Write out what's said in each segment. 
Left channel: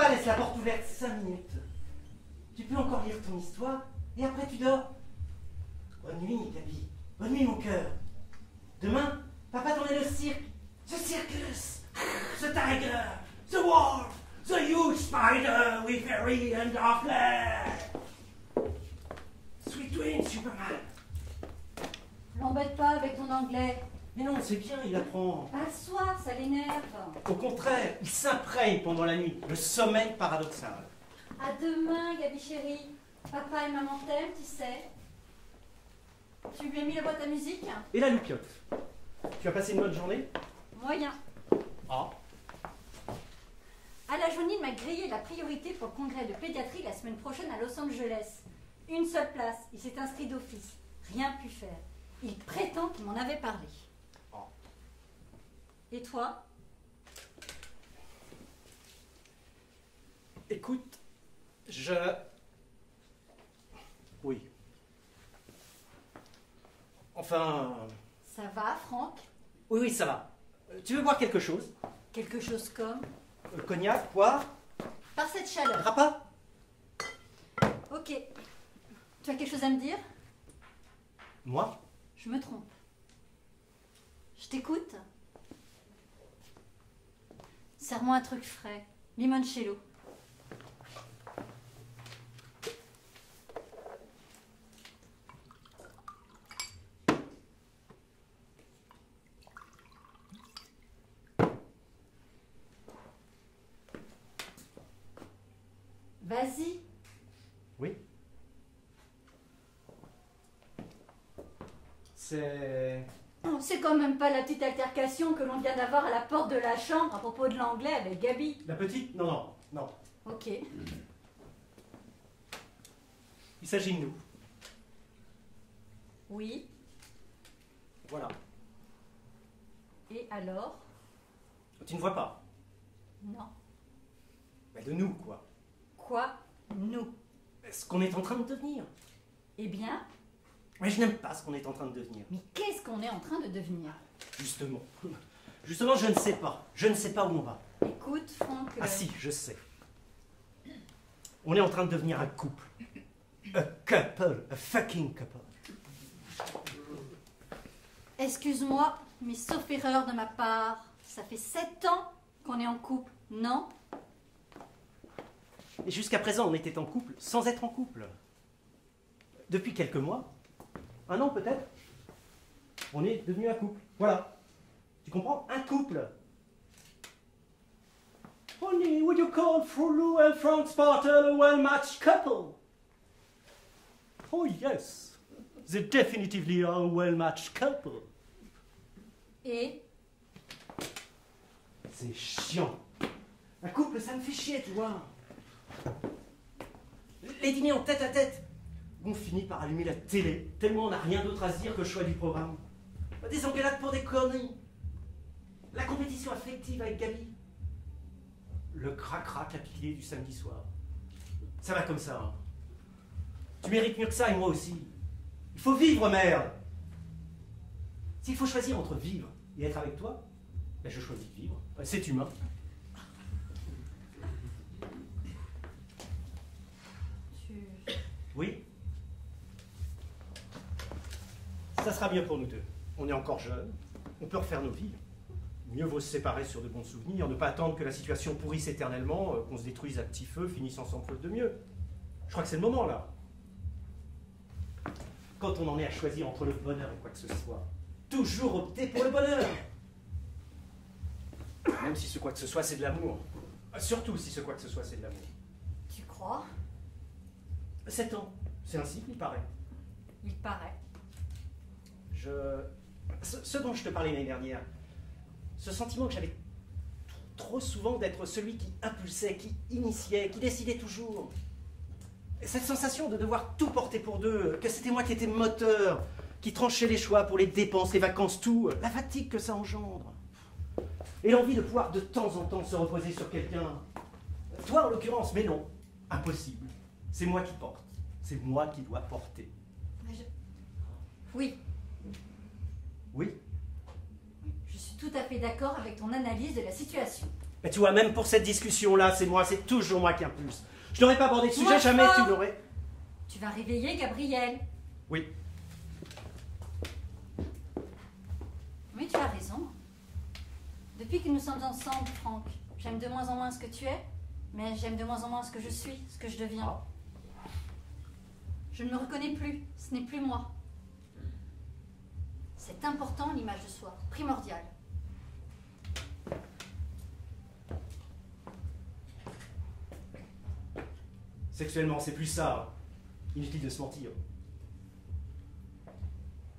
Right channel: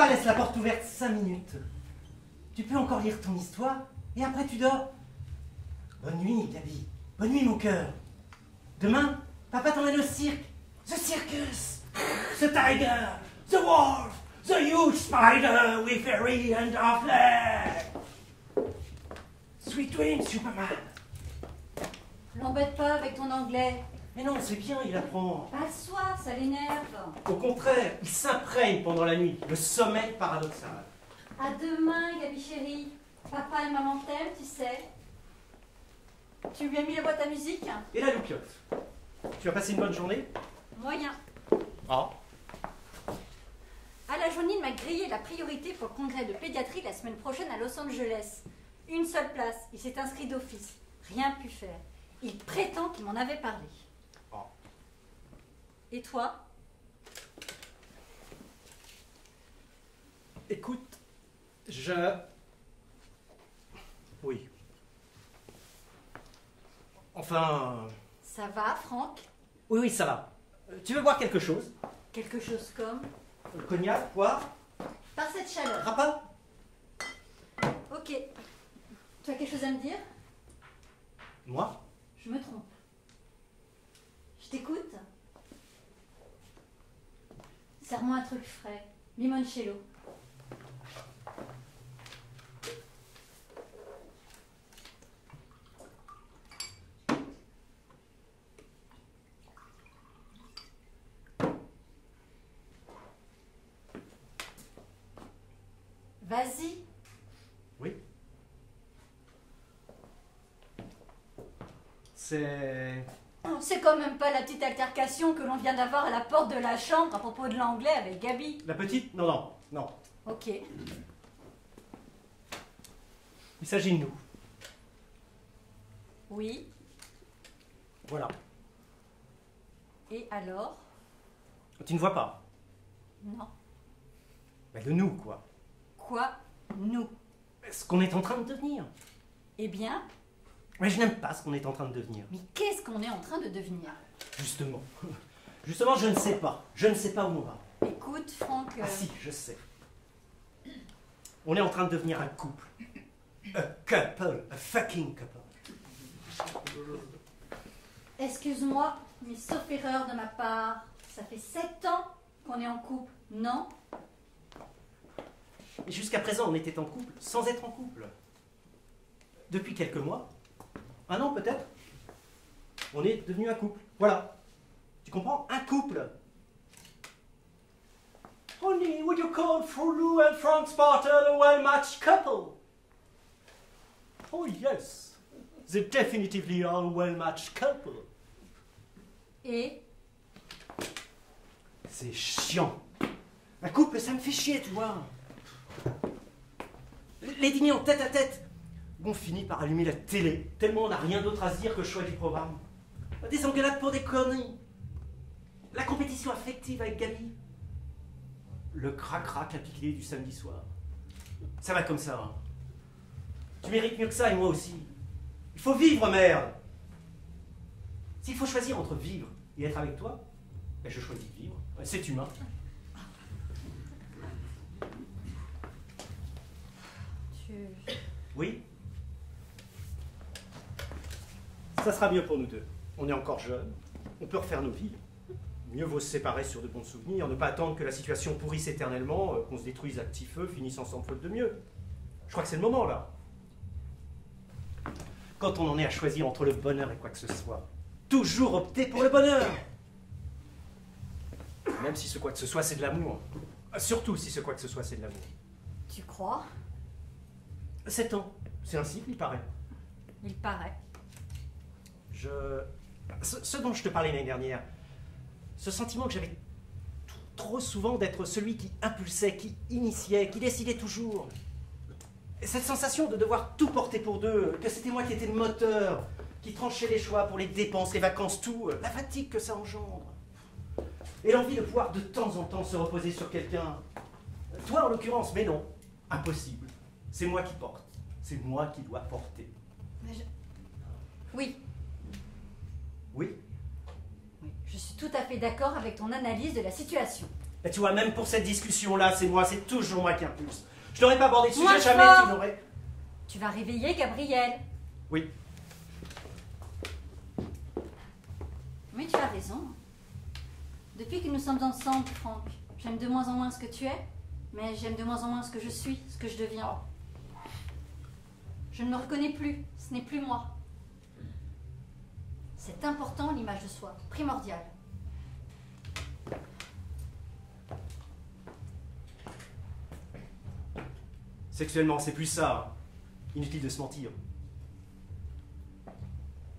Papa laisse la porte ouverte 5 minutes. Tu peux encore lire ton histoire et après tu dors. Bonne nuit, Gabi. Bonne nuit, mon cœur. Demain, papa t'emmène au cirque. The circus. The tiger. The wolf. The huge spider with fairy and dark legs. Sweet dreams, Superman. L'embête pas avec ton anglais. Mais non, c'est bien, il apprend. Pas le soir, ça l'énerve. Au contraire, il s'imprègne pendant la nuit. Le sommeil paradoxal. À demain, Gabi chérie. Papa et maman t'aiment, tu sais. Tu lui as mis la boîte à musique? Et la loupiote. Tu as passé une bonne journée? Moyen. Ah. À la journée, il m'a grillé la priorité pour le congrès de pédiatrie la semaine prochaine à Los Angeles. Une seule place. Il s'est inscrit d'office. Rien pu faire. Il prétend qu'il m'en avait parlé. Ah. Et toi? Écoute, Oui. Enfin... Ça va, Franck? Oui, ça va. Tu veux boire quelque chose? Quelque chose comme? Le cognac, poire? Par cette chaleur. Rapa? Ok. Tu as quelque chose à me dire? Moi? Je me trompe. Je t'écoute. Serre-moi un truc frais. Limoncello. Vas-y. Oui. C'est quand même pas la petite altercation que l'on vient d'avoir à la porte de la chambre à propos de l'anglais avec Gabi. La petite? Non, non, non. Ok. Il s'agit de nous. Oui. Voilà. Et alors? Tu ne vois pas? Non. Mais de nous, quoi. Quoi? Nous. Ce qu'on est en train de devenir. Eh bien? Mais je n'aime pas ce qu'on est en train de devenir. Mais qu'est-ce qu'on est en train de devenir? Justement. Justement, je ne sais pas. Je ne sais pas où on va. Écoute, Franck... Ah si, je sais. On est en train de devenir un couple. A couple. A fucking couple. Excuse-moi, mais sauf erreur de ma part, ça fait 7 ans qu'on est en couple, non? Et jusqu'à présent, on était en couple sans être en couple. Depuis quelques mois, 1 an peut-être, on est devenu un couple. Voilà. Tu comprends? Un couple. Honey, would you call Frollo and Frank Spartel a well-matched couple? Oh yes, they're definitively a well-matched couple. Et? C'est chiant. Un couple, ça me fait chier, tu vois. Les dîners en tête à tête. On finit par allumer la télé, tellement on n'a rien d'autre à se dire que le choix du programme. Des engueulades pour des conneries. La compétition affective avec Gabi. Le crac-crac à piquer du samedi soir. Ça va comme ça. Hein. Tu mérites mieux que ça et moi aussi. Il faut vivre, merde. S'il faut choisir entre vivre et être avec toi, ben je choisis de vivre. C'est humain. Oui? Ça sera mieux pour nous deux. On est encore jeunes, on peut refaire nos vies. Mieux vaut se séparer sur de bons souvenirs, ne pas attendre que la situation pourrisse éternellement, qu'on se détruise à petit feu, finisse ensemble faute de mieux. Je crois que c'est le moment, là. Quand on en est à choisir entre le bonheur et quoi que ce soit, toujours opter pour le bonheur. Même si ce quoi que ce soit, c'est de l'amour. Surtout si ce quoi que ce soit, c'est de l'amour. Tu crois? 7 ans, c'est ainsi qu'il paraît. Il paraît. Ce dont je te parlais l'année dernière, ce sentiment que j'avais trop souvent d'être celui qui impulsait, qui initiait, qui décidait toujours. Et cette sensation de devoir tout porter pour deux, que c'était moi qui étais moteur, qui tranchait les choix pour les dépenses, les vacances, tout, la fatigue que ça engendre. Et l'envie de pouvoir de temps en temps se reposer sur quelqu'un. Toi en l'occurrence, mais non, impossible. C'est moi qui porte, c'est moi qui dois porter. Mais oui. Oui? Je suis tout à fait d'accord avec ton analyse de la situation. Mais tu vois, même pour cette discussion-là, c'est toujours moi qui impulse. Je n'aurais pas abordé le sujet, Moins jamais fort. tu n'aurais... Tu vas réveiller Gabriel. Oui. Mais tu as raison. Depuis que nous sommes ensemble, Franck, j'aime de moins en moins ce que tu es, mais j'aime de moins en moins ce que je suis, ce que je deviens. Je ne me reconnais plus, ce n'est plus moi. C'est important, l'image de soi, primordial. Sexuellement, c'est plus ça. Inutile de se mentir.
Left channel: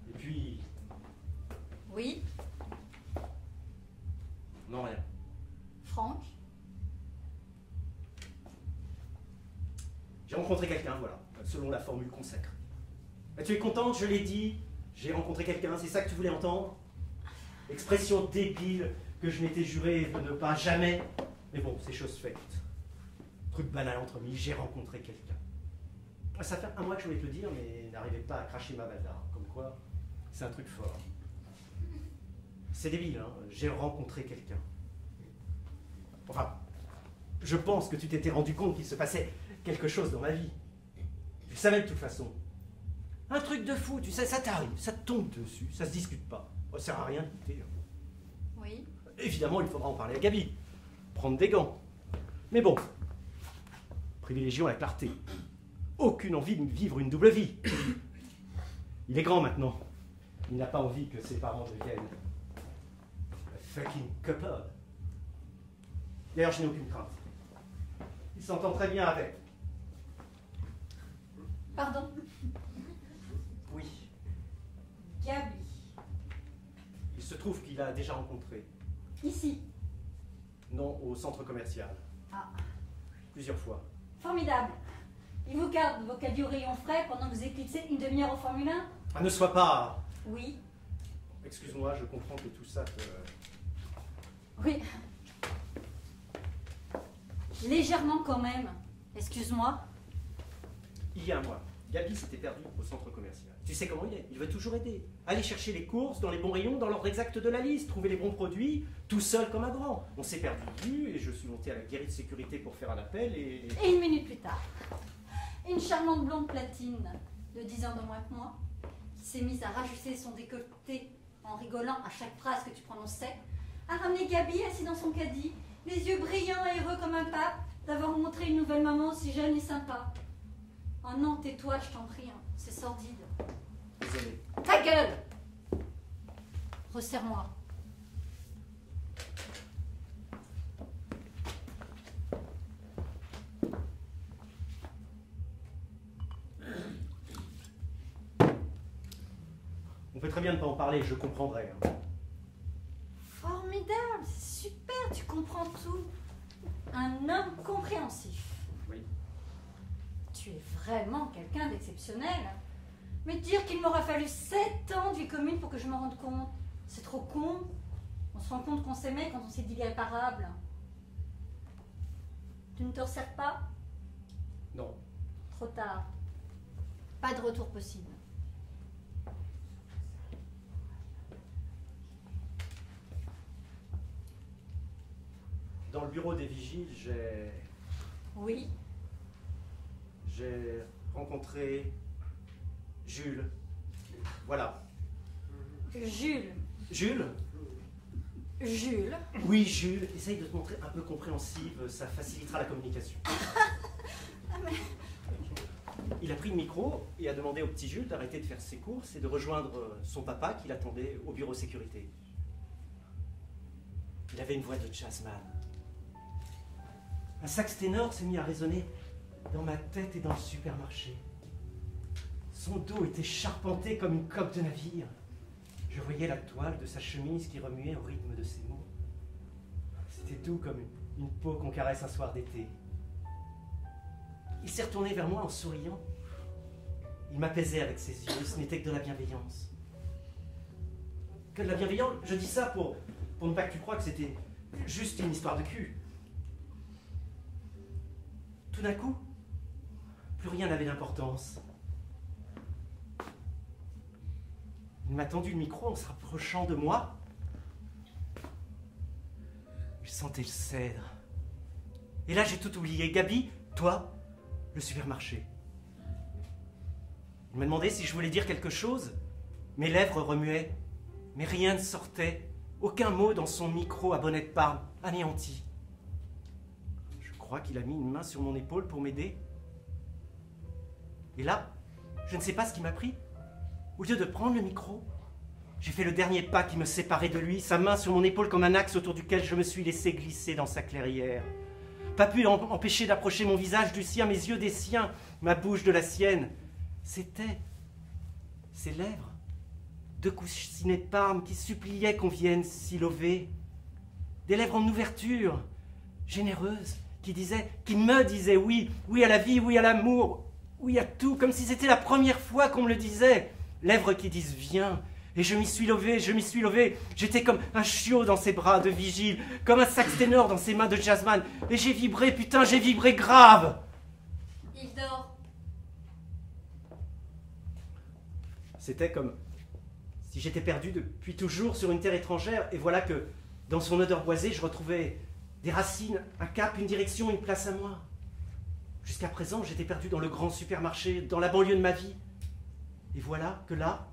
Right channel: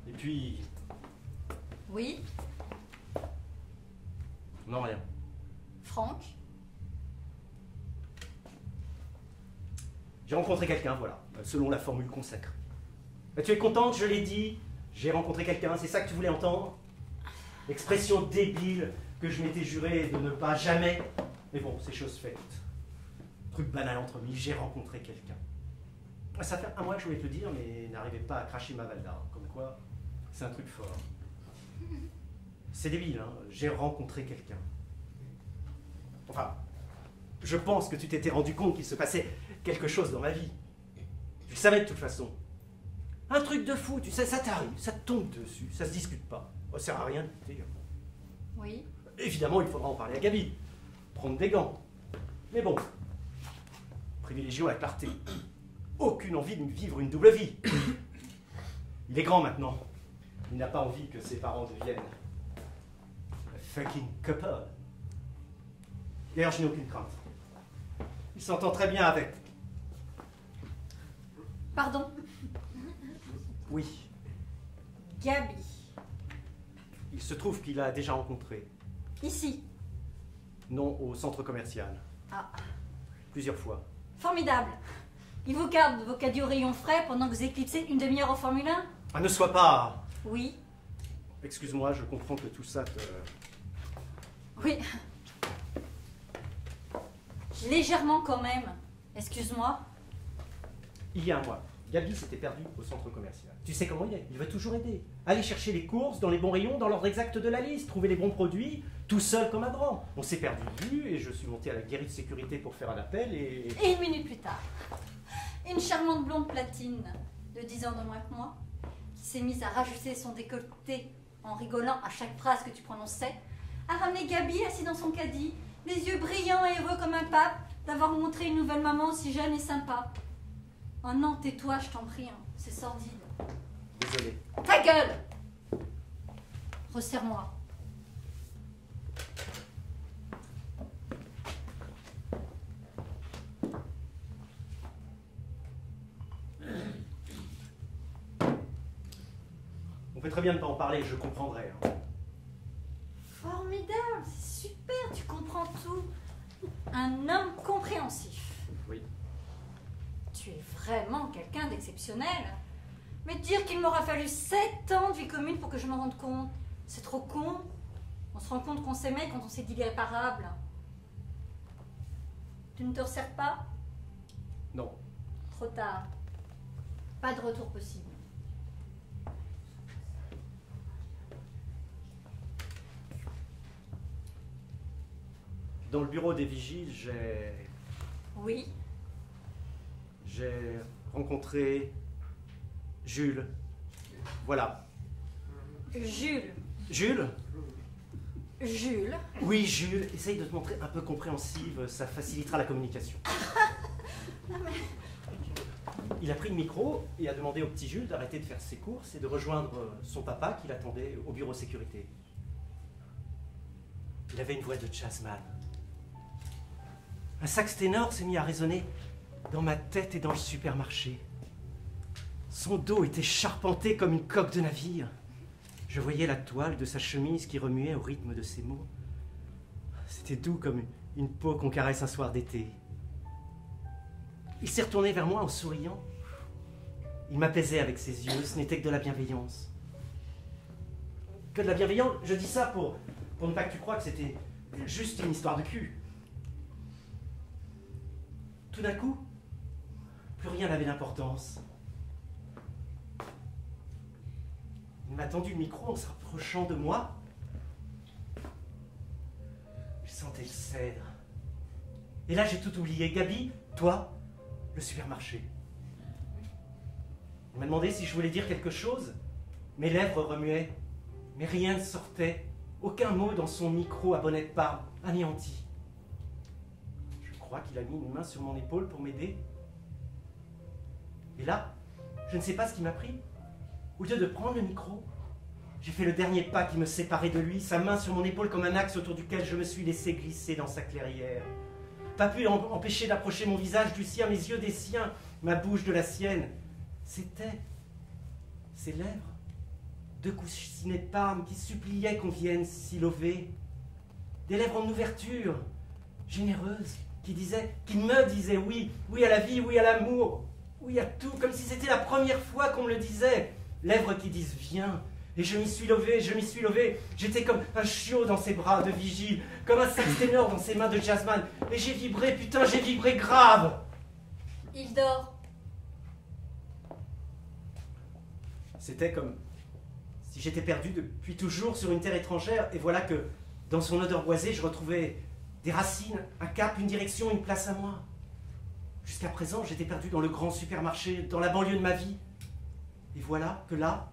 Et puis... Oui, Non, rien. Franck, J'ai rencontré quelqu'un, voilà, selon la formule consacrée. Mais tu es contente, je l'ai dit. J'ai rencontré quelqu'un, c'est ça que tu voulais entendre? Expression débile que je m'étais juré de ne pas jamais... Mais bon, c'est chose faite. Truc banal entre amis, j'ai rencontré quelqu'un. Ça fait un mois que je voulais te le dire, mais n'arrivais pas à cracher ma valda. Comme quoi, c'est un truc fort. C'est débile, hein, j'ai rencontré quelqu'un. Enfin, je pense que tu t'étais rendu compte qu'il se passait quelque chose dans ma vie. Tu le savais de toute façon. Un truc de fou, tu sais, ça t'arrive, ça te tombe dessus, ça se discute pas. Ça sert à rien de douter. oui. Évidemment, il faudra en parler à Gabi. Prendre des gants. Mais bon, privilégions la clarté. Aucune envie de vivre une double vie. Il est grand maintenant. Il n'a pas envie que ses parents deviennent un fucking couple. D'ailleurs, je n'ai aucune crainte. Il s'entend très bien avec. Pardon, Oui, Gabi, il se trouve qu'il a déjà rencontré. ici. Non, au centre commercial. Ah, Plusieurs fois. formidable. Il vous garde vos caddies au rayon frais pendant que vous éclipsez une demi-heure au Formule 1? Ah, ne sois pas... Oui, Excuse-moi, je comprends que tout ça te... oui. Légèrement quand même. Excuse-moi. Il y a un mois, Gabi s'était perdue au centre commercial. Tu sais comment il est, il veut toujours aider. Aller chercher les courses dans les bons rayons, dans l'ordre exact de la liste, trouver les bons produits, tout seul comme un grand. On s'est perdu de vue et je suis monté à la guérite de sécurité pour faire un appel et... Et une minute plus tard, une charmante blonde platine de 10 ans de moins que moi, qui s'est mise à rajuster son décolleté en rigolant à chaque phrase que tu prononçais, a ramené Gabi assis dans son caddie, les yeux brillants et heureux comme un pape d'avoir montré une nouvelle maman si jeune et sympa. Oh non, tais-toi, je t'en prie, hein, c'est sordide. Désolé. Ta gueule! Resserre-moi. On fait très bien de ne pas en parler, je comprendrai. Hein. Formidable, c'est super, tu comprends tout. Un homme compréhensif. Oui. Tu es vraiment quelqu'un d'exceptionnel. Mais dire qu'il m'aura fallu 7 ans de vie commune pour que je me rende compte, c'est trop con. On se rend compte qu'on s'aimait quand on s'est dit l'irréparable. Tu ne te resserres pas? Non. Trop tard. Pas de retour possible. Dans le bureau des vigiles, Oui, j'ai rencontré Jules. Voilà. Jules. Jules? Jules. Oui, Jules, essaye de te montrer un peu compréhensive, ça facilitera la communication. Il a pris le micro et a demandé au petit Jules d'arrêter de faire ses courses et de rejoindre son papa qui l'attendait au bureau sécurité. Il avait une voix de jazzman. Un sax ténor s'est mis à résonner dans ma tête et dans le supermarché. Son dos était charpenté comme une coque de navire. Je voyais la toile de sa chemise qui remuait au rythme de ses mots. C'était doux comme une peau qu'on caresse un soir d'été. Il s'est retourné vers moi en souriant. Il m'apaisait avec ses yeux, ce n'était que de la bienveillance. Que de la bienveillance, je dis ça pour ne pas que tu crois que c'était juste une histoire de cul. Tout d'un coup, plus rien n'avait d'importance. Il m'a tendu le micro en se rapprochant de moi. J'ai sentais le cèdre. Et là, j'ai tout oublié. Gabi, toi, le supermarché. On m'a demandé si je voulais dire quelque chose. Mes lèvres remuaient, mais rien ne sortait. Aucun mot dans son micro à bonnet de Parme, anéanti. Je crois qu'il a mis une main sur mon épaule pour m'aider. Et là, je ne sais pas ce qui m'a pris. Au lieu de prendre le micro, j'ai fait le dernier pas qui me séparait de lui, sa main sur mon épaule comme un axe autour duquel je me suis laissé glisser dans sa clairière. Pas pu empêcher d'approcher mon visage du sien, mes yeux des siens, ma bouche de la sienne. C'était ses lèvres, deux coussinets de Parme qui suppliaient qu'on vienne s'y lever. Des lèvres en ouverture, généreuses, qui me disaient oui, oui à la vie, oui à l'amour, oui à tout, comme si c'était la première fois qu'on me le disait. Lèvres qui disent viens. Et je m'y suis levé, j'étais comme un chiot dans ses bras de vigile, comme un sax ténor dans ses mains de jazzman. Et j'ai vibré, putain, j'ai vibré grave. Il dort. C'était comme si j'étais perdu depuis toujours sur une terre étrangère, et voilà que dans son odeur boisée, je retrouvais des racines, un cap, une direction, une place à moi. Jusqu'à présent, j'étais perdu dans le grand supermarché, dans la banlieue de ma vie. Et voilà que là,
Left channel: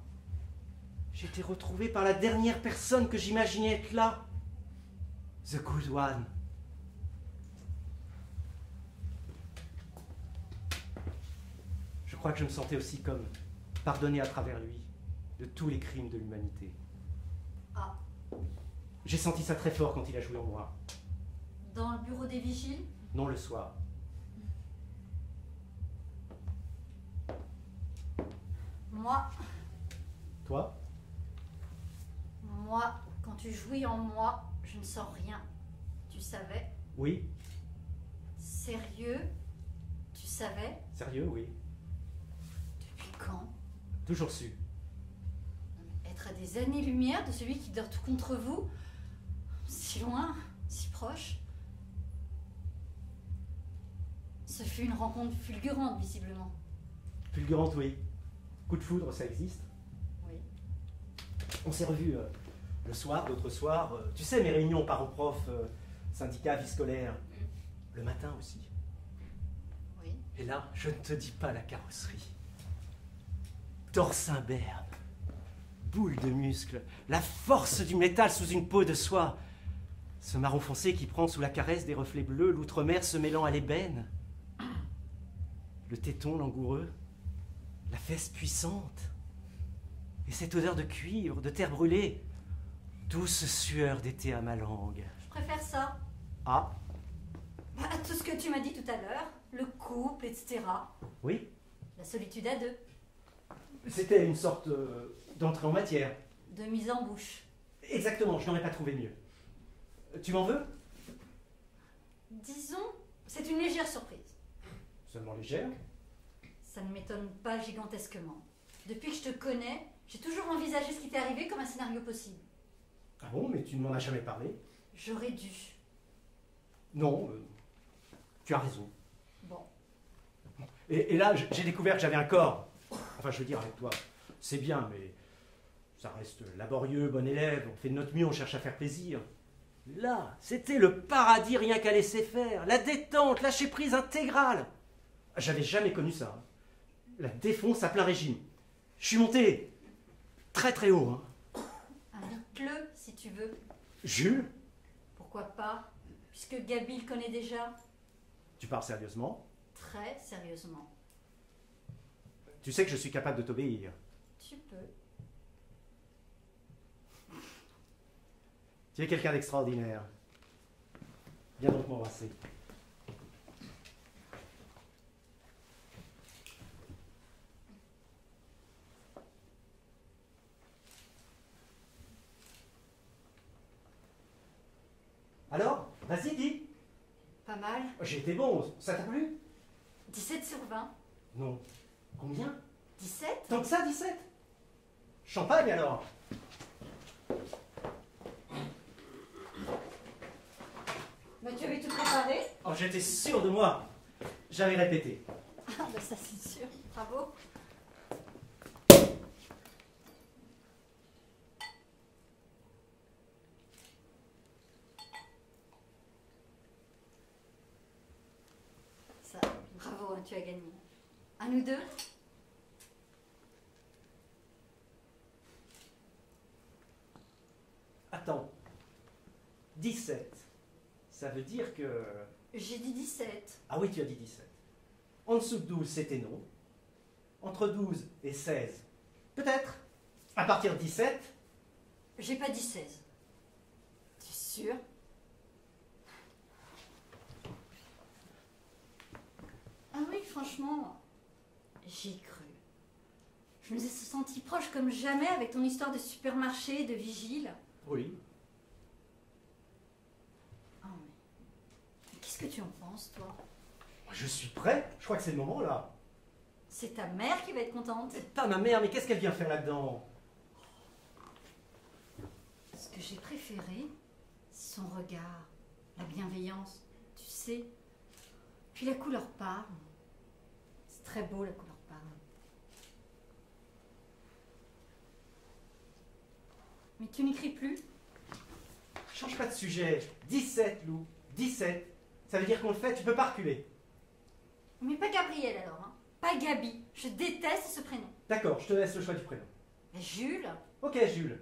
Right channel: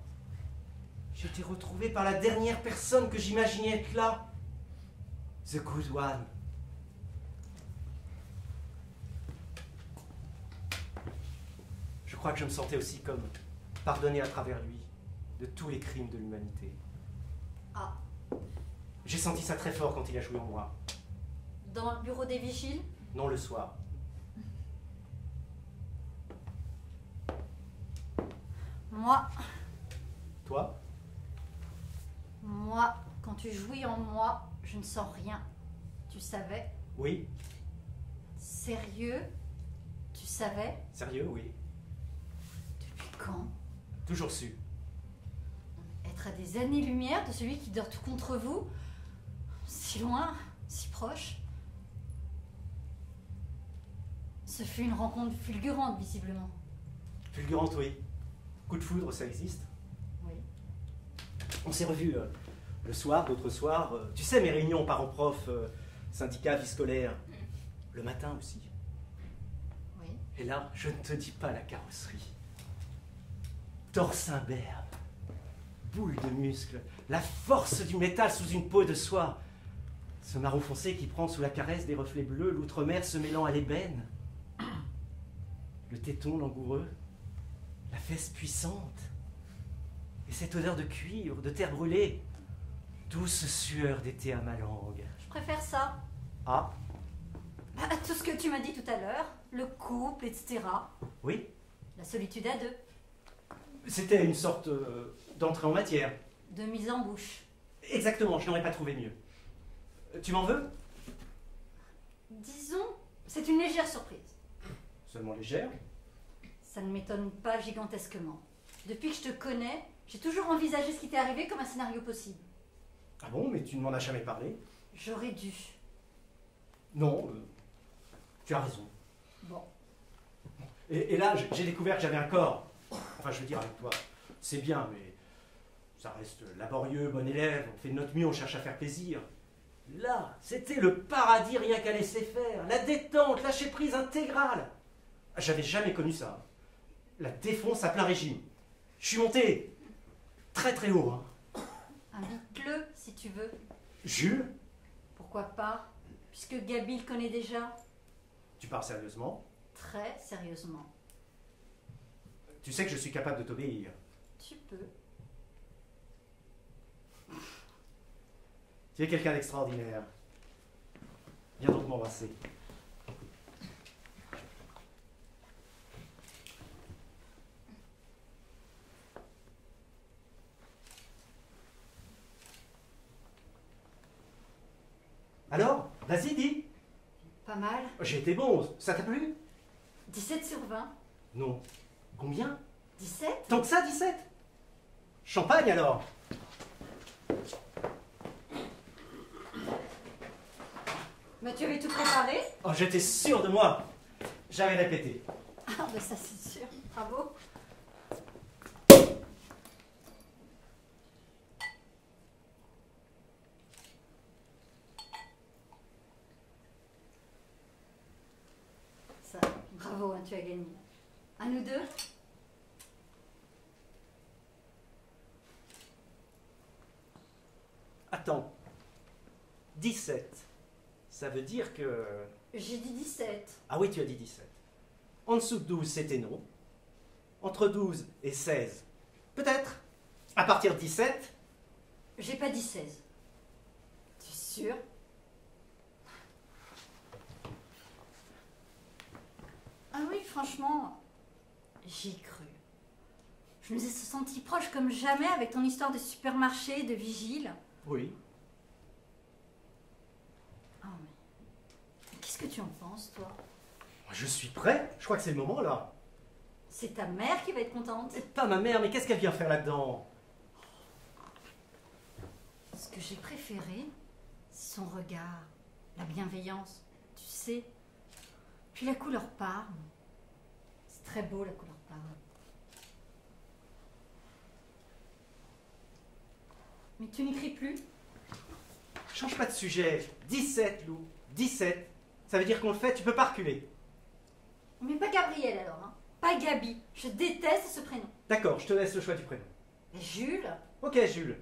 j'ai été retrouvé par la dernière personne que j'imaginais être là. The Good One. Je crois que je me sentais aussi comme pardonné à travers lui de tous les crimes de l'humanité. Ah. J'ai senti ça très fort quand il a joué en moi. Dans le bureau des vigiles? Non, le soir. Moi, Toi, quand tu jouis en moi, je ne sens rien. Tu savais? Oui. Sérieux? Tu savais? Sérieux, oui. Depuis quand? Toujours su. Être à des années-lumière de celui qui dort tout contre vous? Si loin, si proche. Ce fut une rencontre fulgurante, visiblement. Fulgurante, oui. Coup de foudre, ça existe. Oui. On s'est revus le soir, d'autres soirs. Tu sais, mes réunions parents-prof, syndicats, vie scolaire. Le matin aussi. Oui. Et là, je ne te dis pas la carrosserie. Torse imberbe, boule de muscles, la force du métal sous une peau de soie. Ce marron foncé qui prend sous la caresse des reflets bleus, l'outre-mer se mêlant à l'ébène. Le téton langoureux, la fesse puissante. Et cette odeur de cuivre, de terre brûlée. Douce sueur d'été à ma langue. Je préfère ça. Ah, À tout ce que tu m'as dit tout à l'heure. Le couple, etc. oui. La solitude à deux. C'était une sorte d'entrée en matière. De mise en bouche. Exactement, je n'aurais pas trouvé mieux. Tu m'en veux? Disons, c'est une légère surprise. Seulement légère. Ça ne m'étonne pas gigantesquement. Depuis que je te connais, j'ai toujours envisagé ce qui t'est arrivé comme un scénario possible. Ah bon, mais tu ne m'en as jamais parlé? J'aurais dû. Non, tu as raison. Bon. Et là, j'ai découvert que j'avais un corps. Enfin, je veux dire, avec toi, c'est bien, mais ça reste laborieux, bon élève, on fait de notre mieux, on cherche à faire plaisir. Là, c'était le paradis rien qu'à laisser faire, la détente, lâcher prise intégrale. J'avais jamais connu ça. La défonce à plein régime. Je suis monté très très haut. Hein. Invite-le si tu veux. Jules, Pourquoi pas? Puisque Gabi le connaît déjà. tu parles sérieusement? Très sérieusement. Tu sais que je suis capable de t'obéir. Tu peux. Tu es quelqu'un d'extraordinaire. Viens donc m'embrasser. Alors, vas-y, dis. Pas mal. J'ai été bon, ça t'a plu? 17 sur 20. Non. Combien? 17? Tant que ça, 17? Champagne alors? Mais tu avais tout préparé? Oh, j'étais sûr de moi. J'avais répété. Ah, bah ça c'est sûr. Bravo. tu as gagné. À nous deux? Attends. 17. Ça veut dire que... J'ai dit 17. Ah oui, tu as dit 17. En dessous de 12, c'était non. Entre 12 et 16, peut-être. À partir de 17... J'ai pas dit 16. T'es sûr? Ah oui, franchement, j'y ai cru. Je me suis sentie proche comme jamais avec ton histoire de supermarché, de vigile. Oui. Oh, mais qu'est-ce que tu en penses, toi? Je suis prêt. Je crois que c'est le moment, là. C'est ta mère qui va être contente. C'est pas ma mère, mais qu'est-ce qu'elle vient faire là-dedans? Ce que j'ai préféré, c'est son regard, la bienveillance, tu sais. Puis la couleur parme. C'est très beau, la couleur parme. Mais tu n'écris plus? Change pas de sujet. 17, Lou. 17. Ça veut dire qu'on le fait, tu peux pas reculer. Mais pas Gabriel alors, hein. Pas Gabi. Je déteste ce prénom. D'accord, je te laisse le choix du prénom. Mais Jules. Ok, Jules.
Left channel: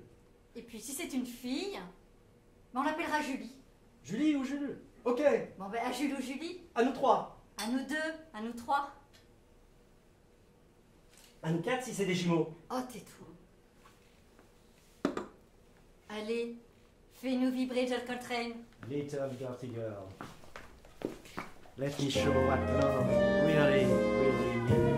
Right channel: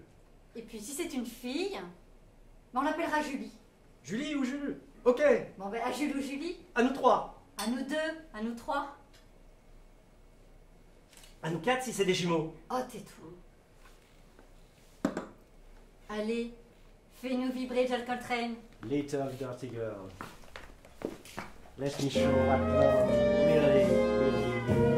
Et puis si c'est une fille, on l'appellera Julie. Julie ou Jules? Ok. Bon ben à Jules ou Julie. À nous 3. À nous 2, à nous 3. À nous 4 si c'est des jumeaux. Oh tais-toi. Allez, fais-nous vibrer John Coltrane. Little dirty girl. Let me show what love really, really means.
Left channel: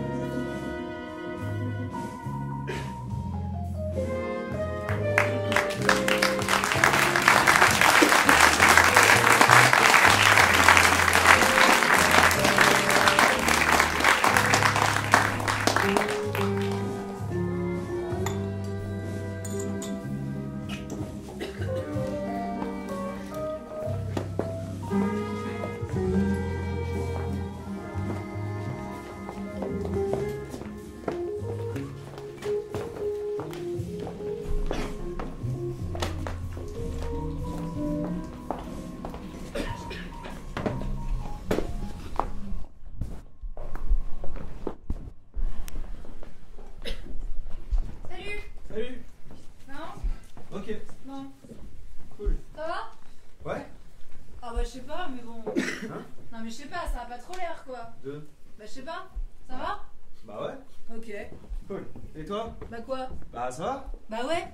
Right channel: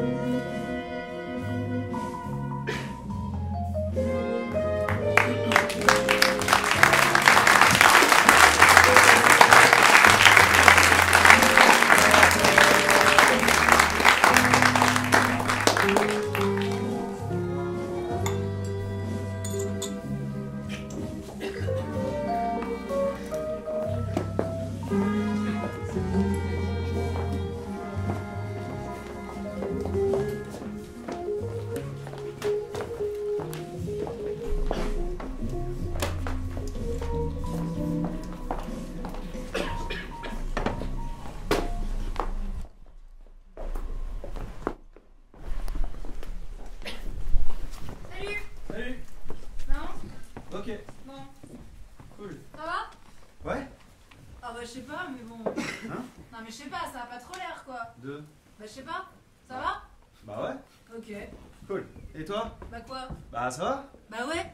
Ça va? Bah ouais.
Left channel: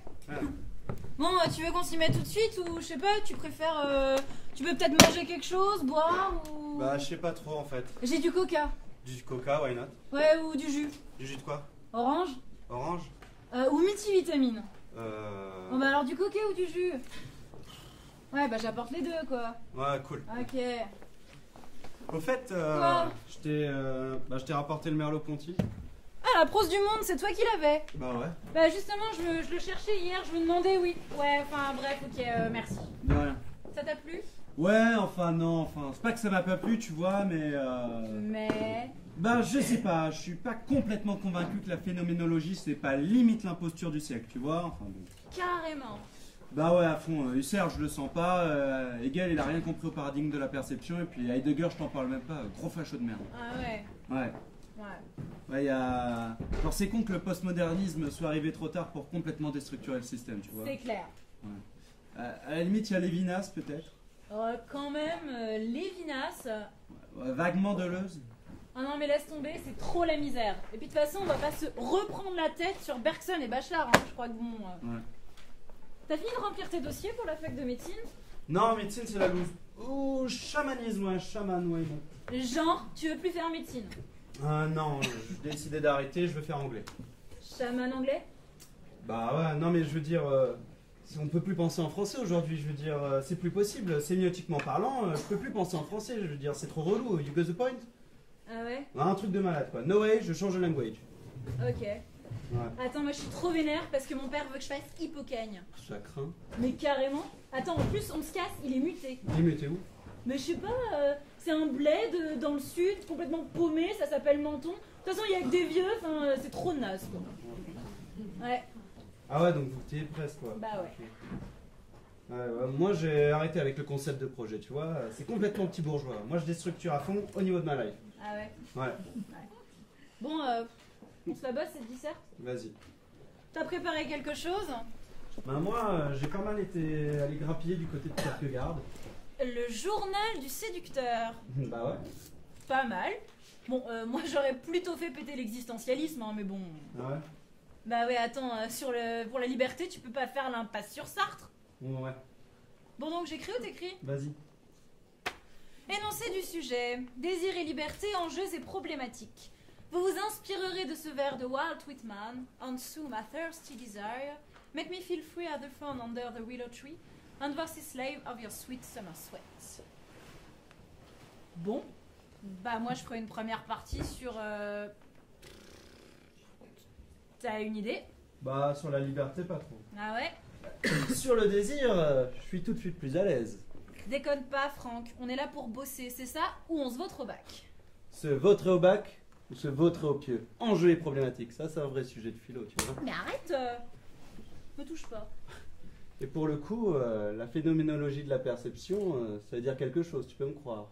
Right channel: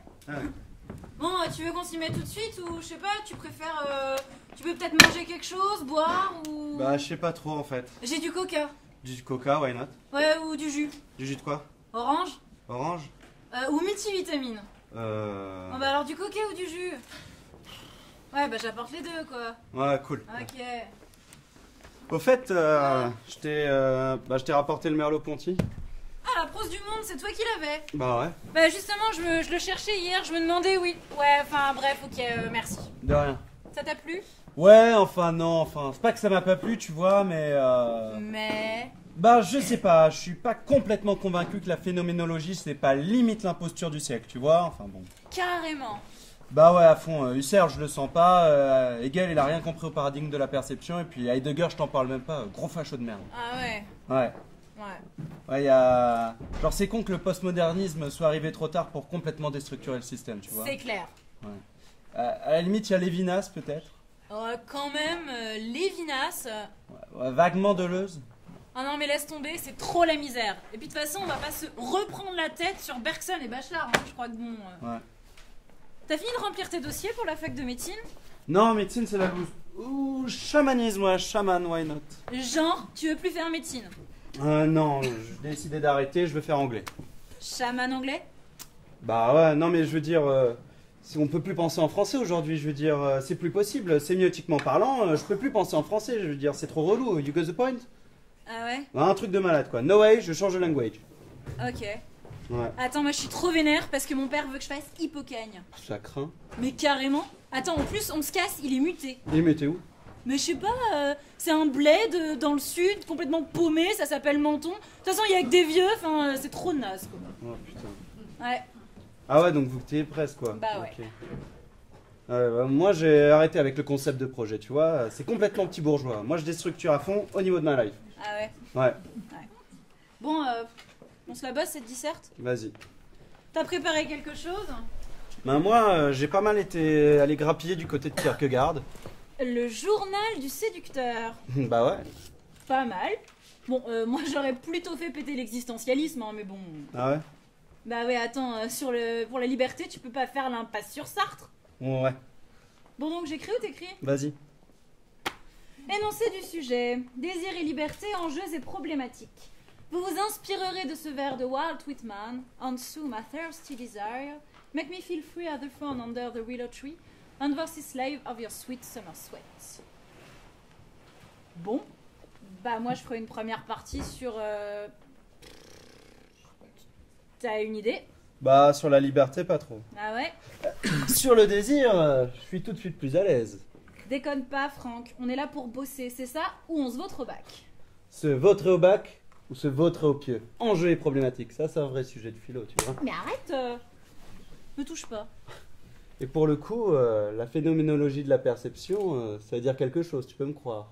Bon, tu veux qu'on s'y mette tout de suite ou je sais pas, tu préfères... tu peux peut-être manger quelque chose, boire ou... Bah je sais pas trop en fait. J'ai du coca. Du coca, why not? Ouais, ou du jus. Du jus de quoi? Orange. Orange? Ou multivitamine. Bon bah alors du coca ou du jus? Ouais, bah j'apporte les deux quoi. Ouais, cool. Ok. Au fait, je t'ai rapporté le Merleau-Ponty. Ah, la prose du monde, c'est toi qui l'avais? Bah ouais. Bah justement, je le cherchais hier, je me demandais, oui. Ouais, enfin bref, ok, merci. De rien. Ça t'a plu? Ouais, c'est pas que ça m'a pas plu, tu vois, mais... Mais... Bah je sais pas, je suis pas complètement convaincu que la phénoménologie c'est pas limite l'imposture du siècle, tu vois, enfin bon. Carrément. Bah ouais, à fond, Husserl je le sens pas, Hegel il a rien compris au paradigme de la perception, et puis Heidegger je t'en parle même pas, gros facho de merde. Ah ouais. Ouais. Ouais. Ouais, y a... Genre c'est con que le postmodernisme soit arrivé trop tard pour complètement déstructurer le système, tu vois. C'est clair. Ouais. À la limite, il y a Lévinas peut-être. Quand même, Lévinas... Ouais, vaguement Deleuze. Ah non mais laisse tomber, c'est trop la misère. Et puis de toute façon, on va pas se reprendre la tête sur Bergson et Bachelard, hein. Je crois que bon... Ouais. T'as fini de remplir tes dossiers pour la fac de médecine? Non, médecine c'est la loose. Ouh, chamanisme, ouais, chaman, why not? Genre, tu veux plus faire médecine? Non, j'ai décidé d'arrêter, je veux faire anglais. Chaman anglais? Bah ouais, non mais je veux dire, si on peut plus penser en français aujourd'hui, je veux dire, c'est plus possible, sémiotiquement parlant, je peux plus penser en français, je veux dire, c'est trop relou, you got the point? Ah ouais? Un truc de malade quoi, no way, je change de language. Ok. Ouais. Attends, moi je suis trop vénère parce que mon père veut que je fasse hippocagne. Ça craint. Mais carrément. Attends, en plus, on se casse, il est muté. Il est muté où? Mais je sais pas, c'est un bled dans le sud, complètement paumé, ça s'appelle Menton. De toute façon, il y a que des vieux, enfin, c'est trop naze quoi. Oh putain. Ouais. Ah ouais, donc vous t'es presque quoi. Bah ouais. Okay. Bah, moi j'ai arrêté avec le concept de projet, tu vois, c'est complètement petit bourgeois. Moi je déstructure à fond au niveau de ma life. Ah ouais? Ouais. Bon, on se la bosse cette disserte. Vas-y. T'as préparé quelque chose? Ben moi, j'ai pas mal été allé grappiller du côté de Kierkegaard. Le journal du séducteur. Bah ouais. Pas mal. Bon, moi j'aurais plutôt fait péter l'existentialisme, hein, mais bon. Ah ouais? Bah ouais, attends, pour la liberté, tu peux pas faire l'impasse sur Sartre. Ouais. Bon, donc j'écris ou t'écris? Vas-y. Énoncé du sujet. Désir et liberté, enjeux et problématiques. Vous vous inspirerez de ce vers de Walt Whitman. On sue my thirsty desire. Make me feel free as the fawn under the willow tree. And was the slave of your sweet summer sweat. Bon. Bah moi je ferai une première partie sur... T'as une idée? Bah sur la liberté, pas trop. Ah ouais? Sur le désir, je suis tout de suite plus à l'aise. Déconne pas Franck, on est là pour bosser, c'est ça? Ou on se vote au bac? Se vautrer au bac ou se vautrer au pieu? Enjeu et problématique, ça c'est un vrai sujet de philo, tu vois. Mais arrête me touche pas. Et pour le coup, la phénoménologie de la perception, ça veut dire quelque chose, tu peux me croire.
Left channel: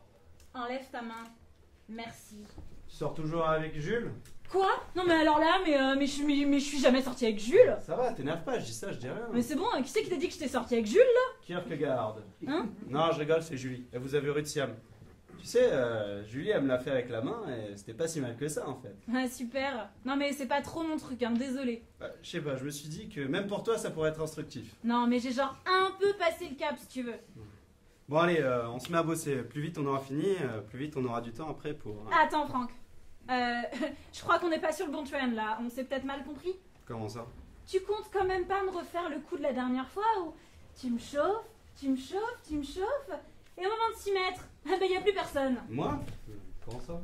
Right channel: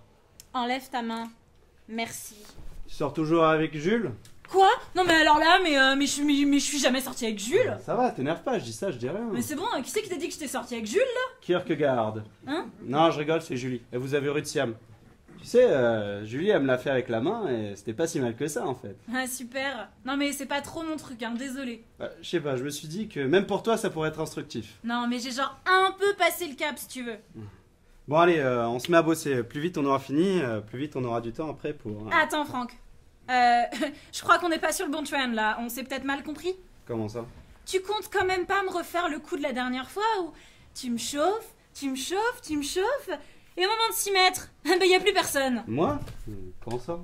Enlève ta main. Merci. Tu sors toujours avec Jules? Quoi? Non mais alors là, mais je suis jamais sortie avec Jules. Ça va, t'énerve pas, je dis ça, je dis rien. Mais c'est bon, qui c'est qui t'a dit que j'étais sortie avec Jules là? Kierkegaard. Hein? Non, je rigole, c'est Julie. Elle vous avez rue de Siam. Tu sais, Julie, elle me l'a fait avec la main et c'était pas si mal que ça en fait. Ah super. Non mais c'est pas trop mon truc, hein, désolé. Je sais pas, je me suis dit que même pour toi ça pourrait être instructif. Non mais j'ai genre un peu passé le cap si tu veux. Bon allez, on se met à bosser. Plus vite on aura fini, plus vite on aura du temps après pour... Attends Franck. Je crois qu'on n'est pas sur le bon trend là, on s'est peut-être mal compris. Comment ça? Tu comptes quand même pas me refaire le coup de la dernière fois où tu me chauffes, tu me chauffes, tu me chauffes, et au moment de s'y mettre, ben y a plus personne. Moi? Comment ça?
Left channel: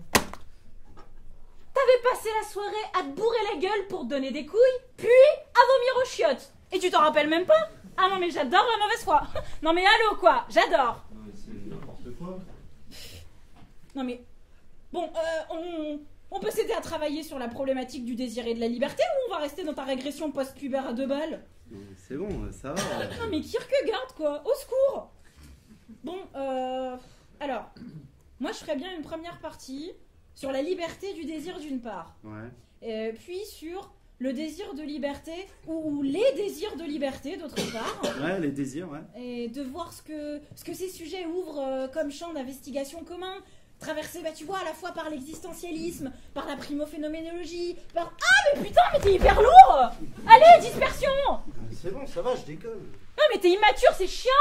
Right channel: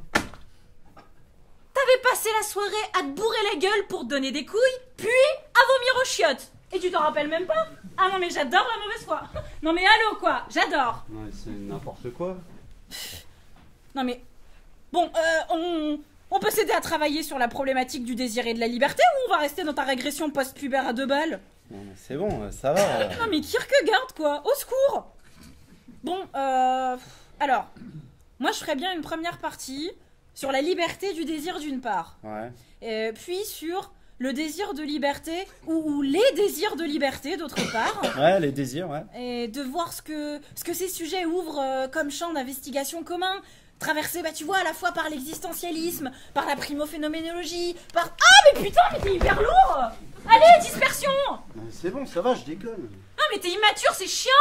T'avais passé la soirée à te bourrer la gueule pour te donner des couilles, puis à vomir aux chiottes. Et tu t'en rappelles même pas? Ah non mais j'adore la mauvaise foi. Non mais allô quoi, j'adore. Non mais c'est n'importe quoi. Non mais... Bon, on peut s'aider à travailler sur la problématique du désir et de la liberté ou on va rester dans ta régression post-pubère à 2 balles? Non, mais c'est bon, ça va. Non mais Kierkegaard quoi, au secours. Bon, alors, moi je ferais bien une première partie sur la liberté du désir d'une part. Ouais. Puis sur le désir de liberté ou les désirs de liberté d'autre part. Ouais, les désirs, ouais. Et de voir ce que ces sujets ouvrent comme champ d'investigation commun. Traversé, bah tu vois, à la fois par l'existentialisme, par la primophénoménologie, par... Ah mais putain, mais t'es hyper lourd. Allez, dispersion. C'est bon, ça va, je déconne. Non mais t'es immature, c'est chiant.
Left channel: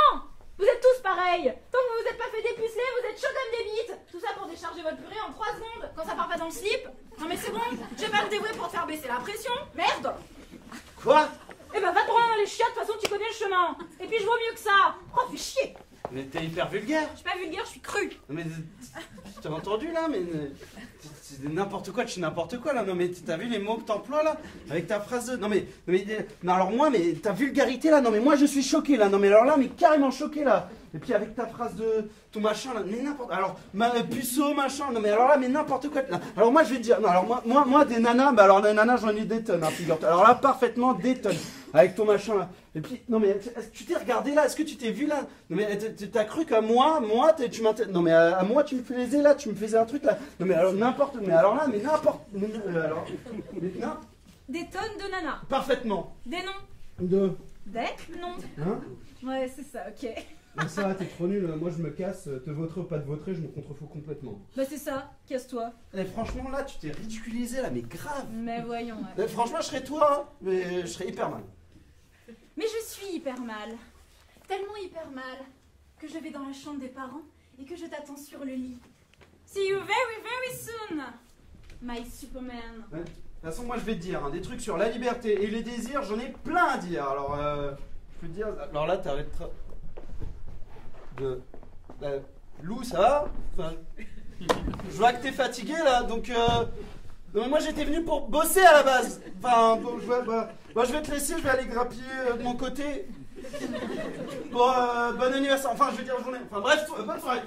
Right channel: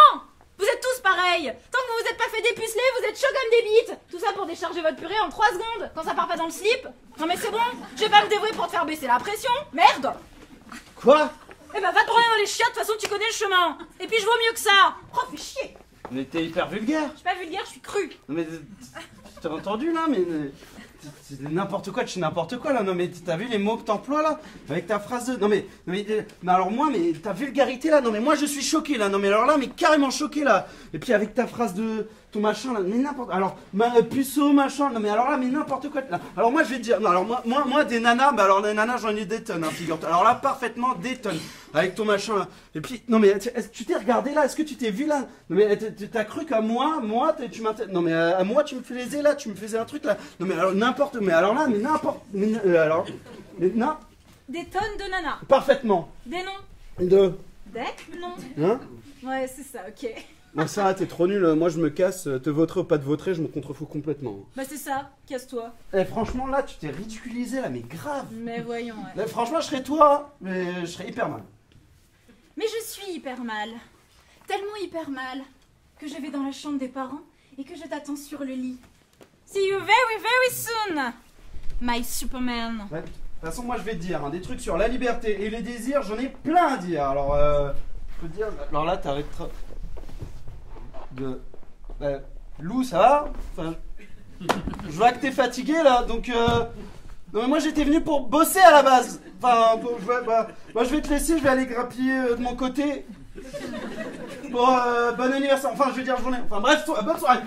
Vous êtes tous pareils. Tant que vous vous êtes pas fait dépuceler, vous êtes chaud comme des bites. Tout ça pour décharger votre purée en 3 secondes, quand ça part pas dans le slip. Non mais c'est bon, je vais pas me dévouer pour te faire baisser la pression. Merde. Quoi? Eh ben va te branler dans les chiottes, de toute façon tu connais le chemin. Et puis je vaux mieux que ça. Oh, fais chier. Mais t'es hyper vulgaire. Je suis pas vulgaire, je suis crue. Non mais... T'as entendu là? Mais... C'est n'importe quoi, tu sais n'importe quoi là. Non mais t'as vu les mots que t'emploies là? Avec ta phrase de... Non alors moi, mais ta vulgarité là, non mais moi je suis choqué là. Non mais alors là, mais carrément choqué là. Et puis avec ta phrase de... Ton machin là, mais n'importe... Alors, puceau machin, non mais alors là, mais n'importe quoi. Non, alors moi je vais te dire, non alors moi des nanas, bah alors des nanas j'en ai des tonnes, hein, figure-toi. Alors là, parfaitement des tonnes. Avec ton machin là. Et puis, non mais est-ce que tu t'es regardé là? Est-ce que tu t'es vu là? Non mais t'as cru qu'à moi, tu m'intéressais... Non mais à moi tu me faisais là, tu me faisais un truc là. Non mais alors n'importe... Mais alors là, mais n'importe... alors... Mais n'importe... Des tonnes de nanas. Parfaitement. Des noms. Des Non. Hein? Ouais, c'est ça, ok. Bon ça, t'es trop nul, moi je me casse, te voterai ou pas te voterai, je me contrefous complètement. Bah c'est ça, casse-toi. Eh franchement là, tu t'es ridiculisé là, mais grave. Mais voyons, ouais. Franchement, je serais toi, hein, mais je serais hyper mal. Mais je suis hyper mal. Tellement hyper mal que je vais dans la chambre des parents et que je t'attends sur le lit. See you very, very soon, my Superman. Ouais. De toute façon, moi je vais te dire, hein, des trucs sur la liberté et les désirs, j'en ai plein à dire. Alors, je peux te dire, alors là, t'arrêtes de... Lou, ça va? Enfin, je vois que t'es fatigué là, donc... Non mais moi j'étais venu pour bosser à la base. Enfin, moi je vais te laisser, je vais aller grappiller de mon côté. Bon, bon anniversaire, enfin je veux dire journée. Enfin bref, bonne soirée.